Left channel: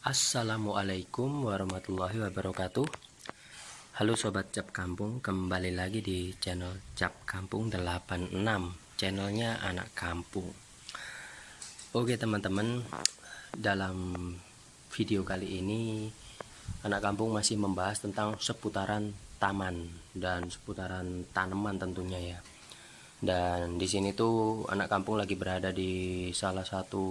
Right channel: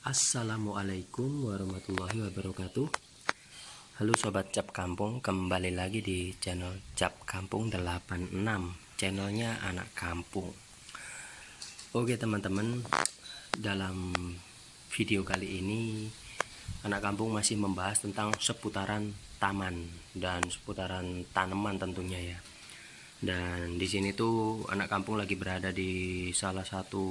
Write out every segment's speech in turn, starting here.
Assalamualaikum warahmatullahi wabarakatuh. Halo sobat Cap Kampung, kembali lagi di channel Cap Kampung 86, channelnya anak kampung. Oke teman-teman, dalam video kali ini anak kampung masih membahas tentang seputaran taman dan seputaran tanaman tentunya ya. Dan di sini tuh anak kampung lagi berada di salah satu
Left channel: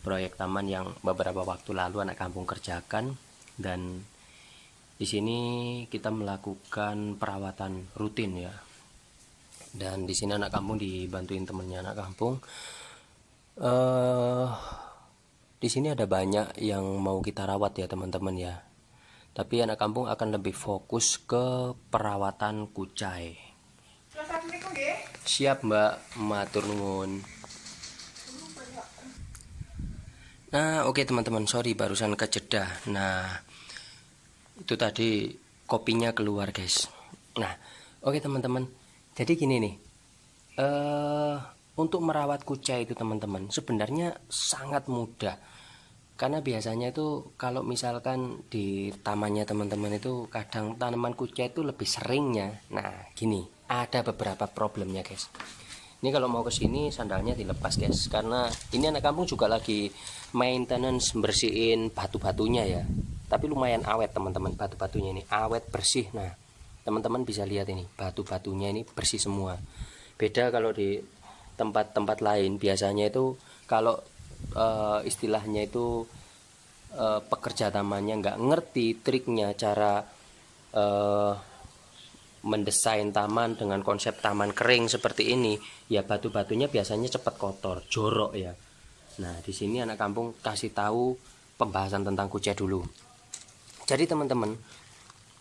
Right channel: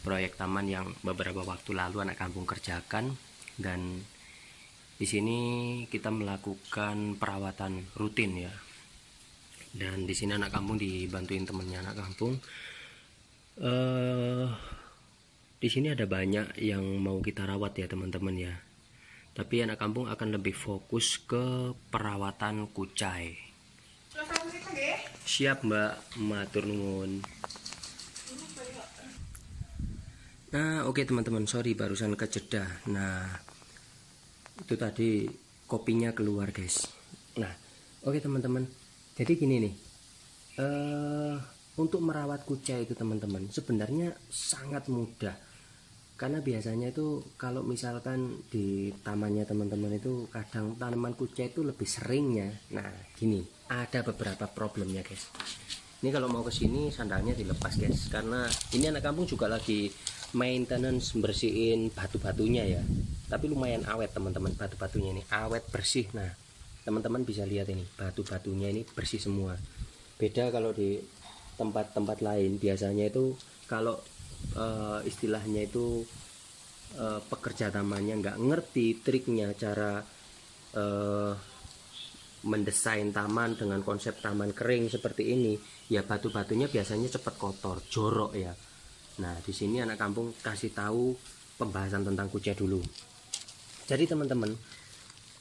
proyek taman yang beberapa waktu lalu anak kampung kerjakan, dan di sini kita melakukan perawatan rutin ya. Dan di sini anak kampung dibantuin temennya anak kampung. Di sini ada banyak yang mau kita rawat ya teman-teman ya. Tapi anak kampung akan lebih fokus ke perawatan kucai. Siap Mbak, matur nuwun. Nah oke teman-teman, sorry barusan kejeda. Nah itu tadi kopinya keluar guys. Nah oke teman-teman, jadi gini nih, untuk merawat kucai itu teman-teman sebenarnya sangat mudah. Karena biasanya itu kalau misalkan di tamannya teman-teman itu kadang tanaman kucai itu lebih seringnya. Nah gini, ada beberapa problemnya guys. Ini kalau mau ke sini sandalnya dilepas guys, karena ini anak kampung juga lagi maintenance bersihin batu-batunya ya. Tapi lumayan awet teman-teman, batu-batunya ini awet bersih. Nah teman-teman bisa lihat ini, batu-batunya ini bersih semua. Beda kalau di tempat-tempat lain, biasanya itu kalau istilahnya itu pekerja tamannya nggak ngerti triknya cara mendesain taman dengan konsep taman kering seperti ini ya, batu-batunya biasanya cepat kotor, jorok ya. Nah di sini anak kampung kasih tahu pembahasan tentang kucai dulu. Jadi teman-teman,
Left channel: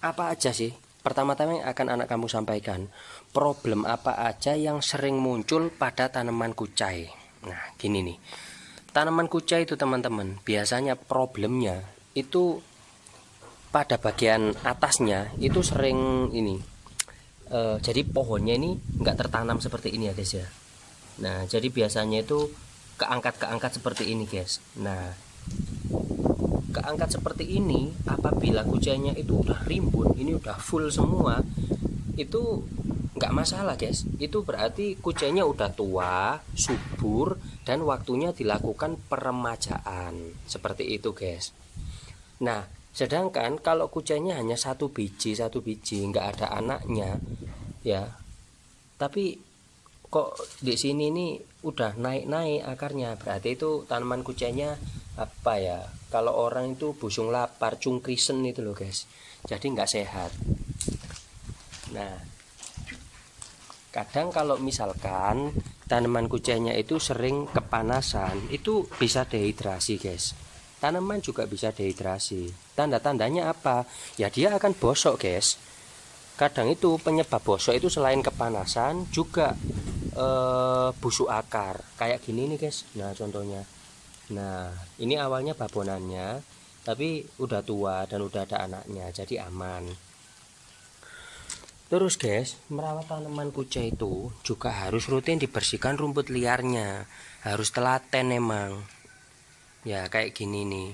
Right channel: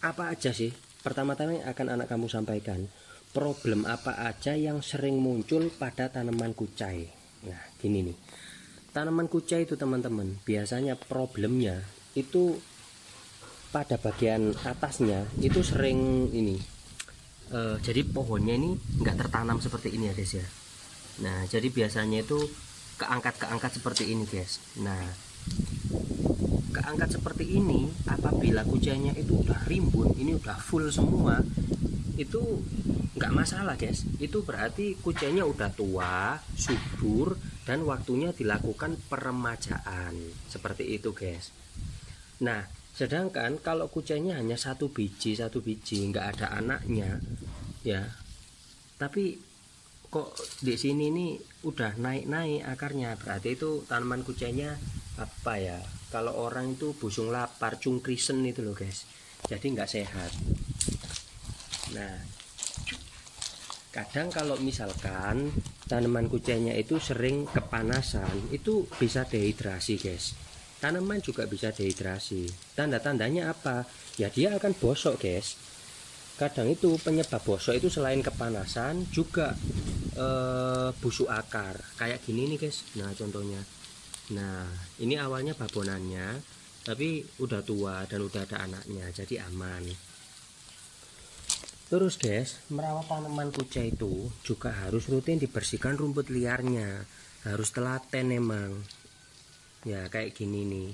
apa aja sih pertama-tama yang akan anak kampung sampaikan, problem apa aja yang sering muncul pada tanaman kucai. Nah gini nih, tanaman kucai itu teman-teman biasanya problemnya itu pada bagian atasnya itu sering ini, jadi pohonnya ini nggak tertanam seperti ini ya guys ya. Nah jadi biasanya itu keangkat seperti ini guys. Nah keangkat seperti ini apabila kucainya itu udah rimbun, ini udah full semua, itu nggak masalah guys. Itu berarti kucainya udah tua, subur, dan waktunya dilakukan peremajaan seperti itu guys. Nah sedangkan kalau kucainya hanya satu biji nggak ada anaknya ya, tapi kok di sini nih udah naik akarnya, berarti itu tanaman kucainya apa ya, kalau orang itu busung lapar, cungkrisen itu loh guys, jadi nggak sehat. Nah kadang kalau misalkan tanaman kucainya itu sering kepanasan, itu bisa dehidrasi guys. Tanaman juga bisa dehidrasi. Tanda-tandanya apa? Ya dia akan bosok guys. Kadang itu penyebab bosok itu selain kepanasan juga busuk akar. Kayak gini nih guys. Nah contohnya. Nah ini awalnya babonannya, tapi udah tua dan udah ada anaknya, jadi aman. Terus guys, merawat tanaman kucai itu juga harus rutin dibersihkan rumput liarnya. Harus telaten emang. Ya kayak gini nih.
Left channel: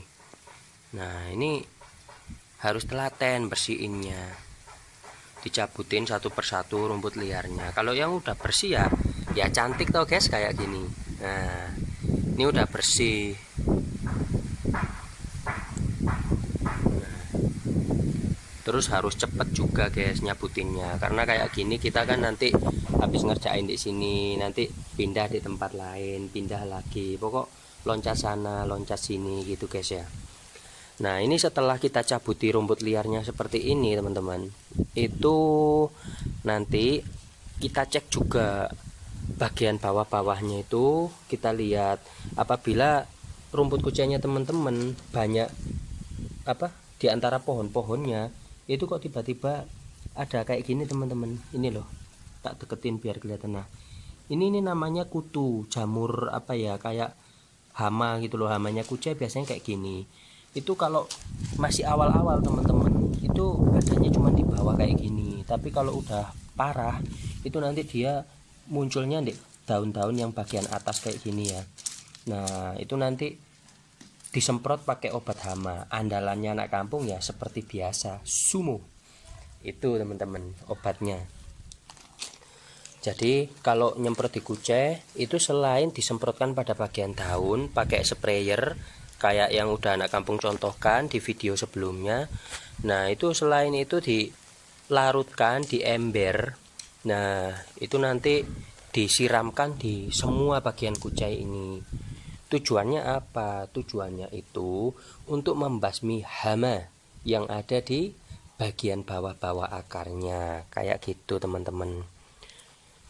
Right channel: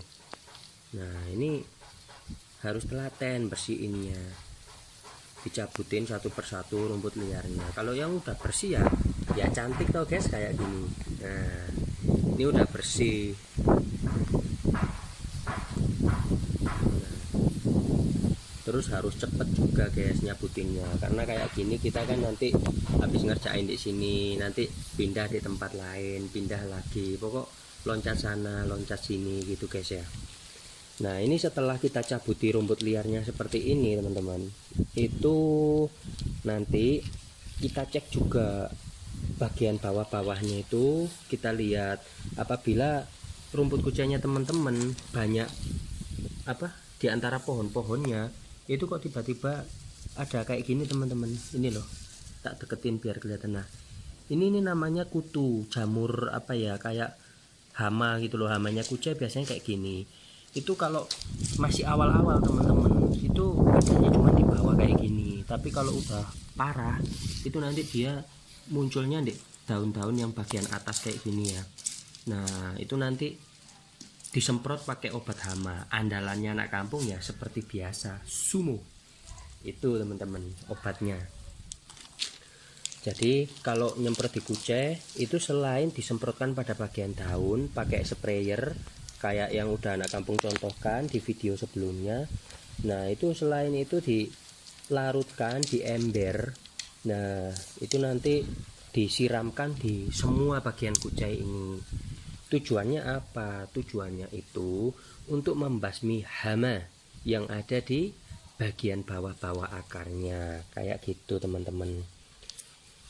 Nah ini harus telaten bersihinnya, dicabutin satu persatu rumput liarnya. Kalau yang udah bersih ya cantik toh guys kayak gini. Nah ini udah bersih. Nah, terus harus cepet juga guys nyabutinnya, karena kayak gini kita kan nanti habis ngerjain di sini nanti pindah di tempat lain, pindah lagi, pokok loncat sana loncat sini gitu guys ya. Nah ini setelah kita cabuti rumput liarnya seperti ini teman-teman, itu nanti kita cek juga bagian bawah-bawahnya, itu kita lihat apabila rumput kucainya teman-teman banyak apa di antara pohon-pohonnya, itu kok tiba-tiba ada kayak gini teman-teman. Ini loh, tak deketin biar kelihatan. Nah ini namanya kutu, jamur apa ya, kayak hama gitu loh. Hamanya kucai biasanya kayak gini. Itu kalau masih awal-awal teman-teman itu adanya cuma di bawah kayak gini, tapi kalau udah parah itu nanti dia munculnya di daun-daun yang bagian atas kayak gini ya. Nah itu nanti disemprot pakai obat hama. Andalannya anak kampung ya seperti biasa, Sumo. Itu teman-teman obatnya. Jadi kalau nyemprot di kucai itu selain disemprotkan pada bagian daun pakai sprayer kayak yang udah anak kampung contohkan di video sebelumnya. Nah itu selain itu dilarutkan di ember. Nah itu nanti disiramkan di semua bagian kucai ini. Tujuannya apa? Tujuannya itu untuk membasmi hama yang ada di bagian bawah-bawah akarnya, kayak gitu teman-teman.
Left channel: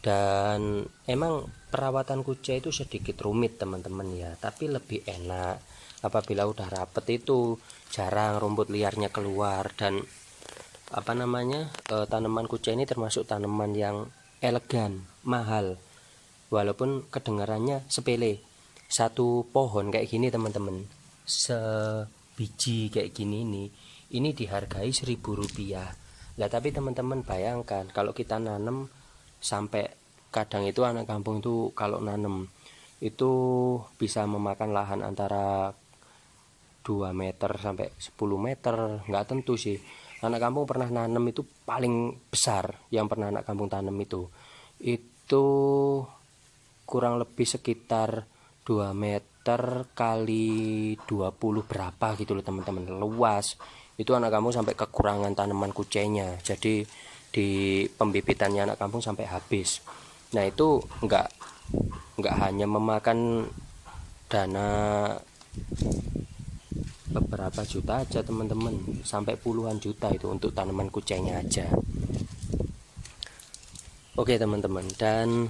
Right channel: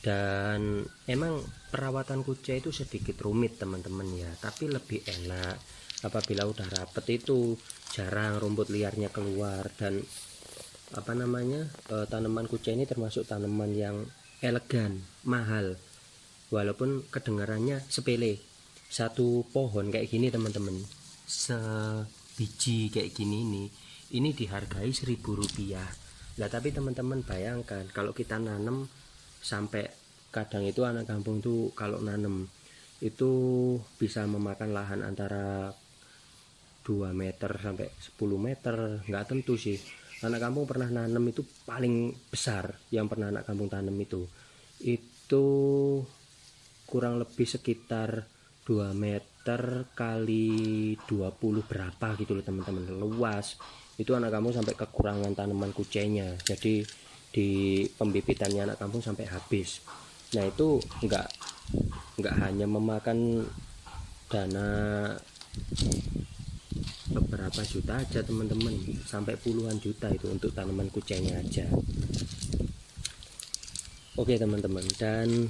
Dan emang perawatan kucai itu sedikit rumit teman-teman ya, tapi lebih enak apabila udah rapet, itu jarang rumput liarnya keluar. Dan tanaman kucai ini termasuk tanaman yang elegan, mahal, walaupun kedengarannya sepele. Satu pohon kayak gini teman-teman, sebiji kayak gini ini dihargai Rp1.000. Nah tapi teman-teman bayangkan kalau kita nanam sampai kadang itu anak kampung itu kalau nanam itu bisa memakan lahan antara 2 meter sampai 10 meter, nggak tentu sih. Anak kampung pernah nanam itu paling besar yang pernah anak kampung tanam itu kurang lebih sekitar 2 meter kali 20 berapa gitu loh teman-teman, luas. Itu anak kampung sampai kekurangan tanaman kucainya, jadi di pembibitannya anak kampung sampai habis. Nah itu enggak hanya memakan dana beberapa juta aja teman-teman, sampai puluhan juta itu untuk tanaman kucainya aja. Oke teman-teman, dan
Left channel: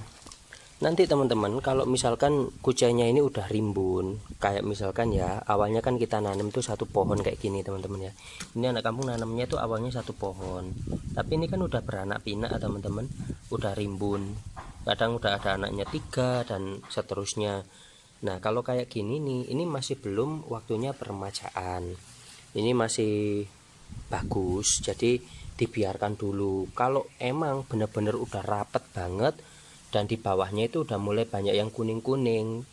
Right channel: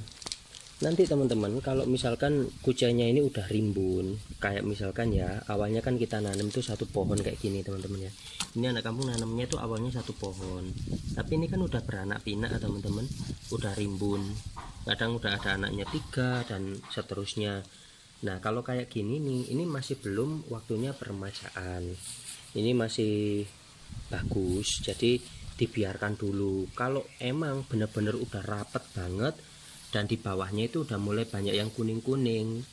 nanti teman-teman kalau misalkan kucainya ini udah rimbun, kayak misalkan ya awalnya kan kita nanam tuh satu pohon kayak gini teman-teman ya. Ini anak kampung nanamnya tuh awalnya satu pohon, tapi ini kan udah beranak pinak teman-teman, udah rimbun, kadang udah ada anaknya 3 dan seterusnya. Nah kalau kayak gini nih, ini masih belum waktunya peremajaan, ini masih bagus, jadi dibiarkan dulu. Kalau emang bener-bener udah rapet banget dan di bawahnya itu udah mulai banyak yang kuning-kuning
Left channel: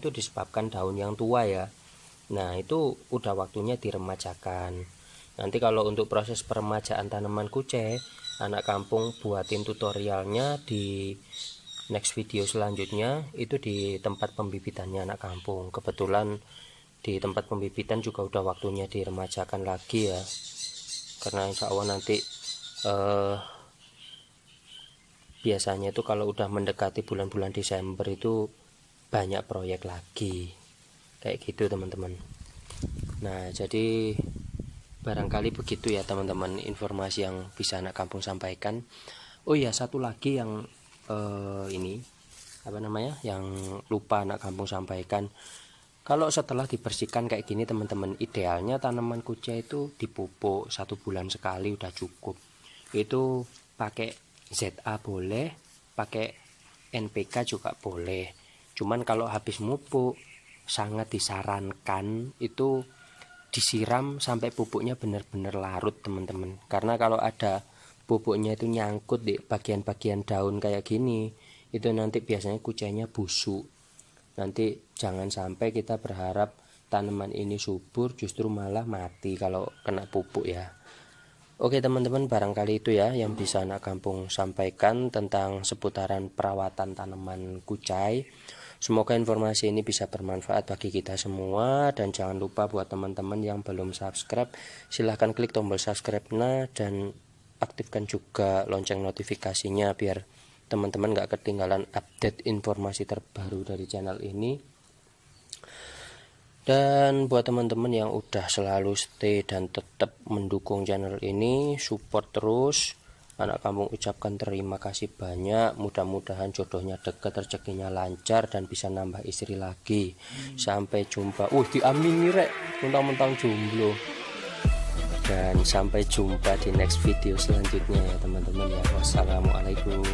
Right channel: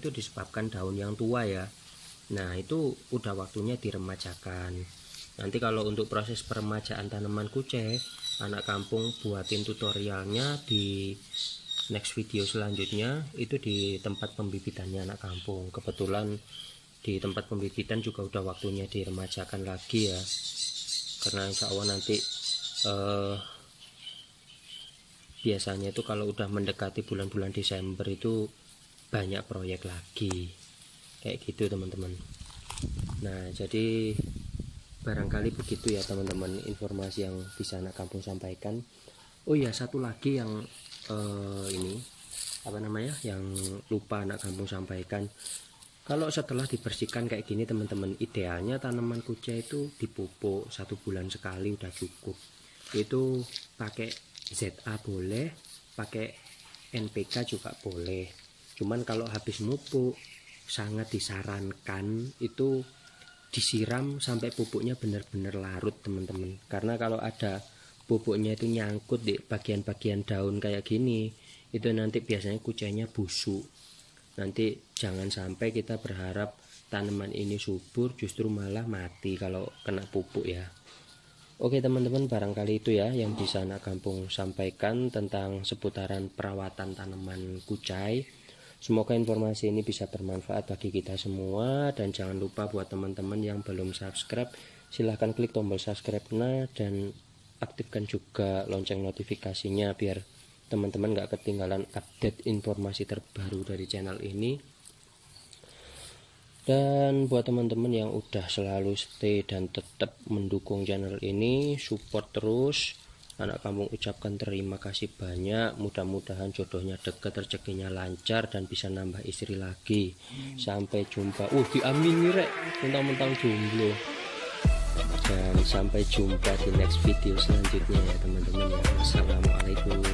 itu disebabkan daun yang tua ya. Nah itu udah waktunya diremajakan. Nanti kalau untuk proses peremajaan tanaman kucai, anak kampung buatin tutorialnya di next video selanjutnya, itu di tempat pembibitannya anak kampung. Kebetulan di tempat pembibitan juga udah waktunya diremajakan lagi ya, karena insya Allah nanti biasanya itu kalau udah mendekati bulan-bulan Desember itu banyak proyek lagi kayak gitu teman-teman. Nah jadi barangkali begitu ya teman-teman informasi yang bisa anak kampung sampaikan. Oh iya, satu lagi yang yang lupa anak kampung sampaikan. Kalau setelah dibersihkan kayak gini teman-teman, idealnya tanaman kucai itu dipupuk 1 bulan sekali udah cukup. Itu pakai ZA boleh, pakai NPK juga boleh. Cuman kalau habis mupuk sangat disarankan itu disiram sampai pupuknya benar-benar larut teman-teman. Karena kalau ada pupuknya itu nyangkut di bagian-bagian daun kayak gini, itu nanti biasanya kucainya busuk. Nanti jangan sampai kita berharap tanaman ini subur, justru malah mati kalau kena pupuk ya. Oke teman-teman, barangkali itu ya yang bisa anak kampung sampaikan tentang seputaran perawatan tanaman kucai. Semoga informasi ini bisa bermanfaat bagi kita semua, dan jangan lupa buat teman-teman yang belum subscribe, silahkan klik tombol subscribe-nya dan aktifkan juga lonceng notifikasinya biar teman-teman gak ketinggalan update informasi terbaru dari channel ini. Dan buat teman-teman yang udah selalu stay dan tetap mendukung channel ini, support terus, anak kampung ucapkan terima kasih banyak. Mudah-mudahan jodohnya dekat, rezekinya lancar, dan bisa nambah istri lagi. Sampai jumpa. Diamini rek, mentang-mentang jomblo. Dan sampai jumpa di next video selanjutnya ya teman-teman ya. Wassalamualaikum.